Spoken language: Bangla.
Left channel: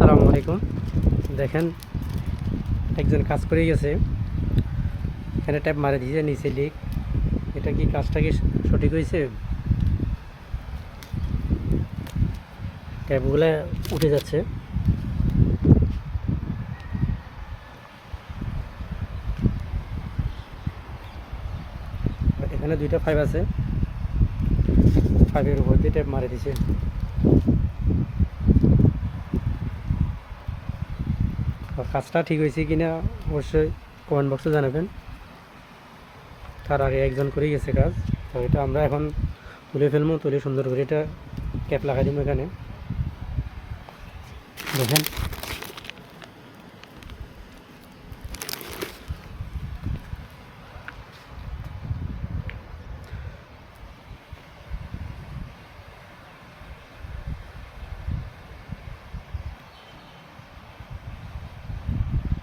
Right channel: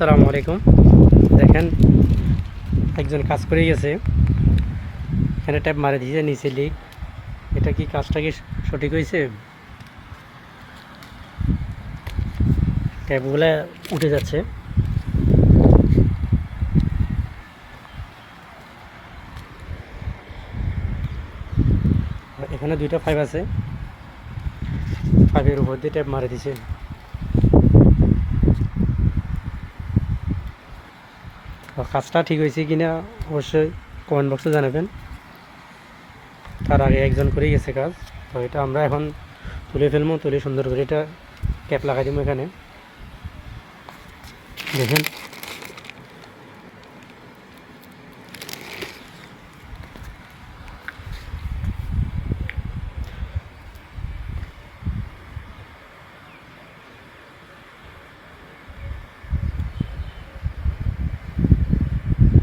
আসসালামু আলাইকুম। দেখেন একজন কাজ করে গেছে, এখানে ট্যাপ মারে দিয়েছে, নিচে লিক। এটা কি কাজটা কি সঠিক হয়েছে? ট্যাপগুলো উঠে যাচ্ছে। এখানে দুইটা পাইপ আছে, পাইপের উপর দিয়ে ট্যাপ মারে দিছে। কাজটা ঠিক হয়েছে কিনা অবশ্যই কমেন্ট বক্সে জানাবেন। তার আগে একজন করেই গেছে কাজ, তো এটা আমরা এখন তুলে ফেলবো, তুলে সুন্দর করে এটা ক্যাপ লাগাই দিব। এখানে দেখেন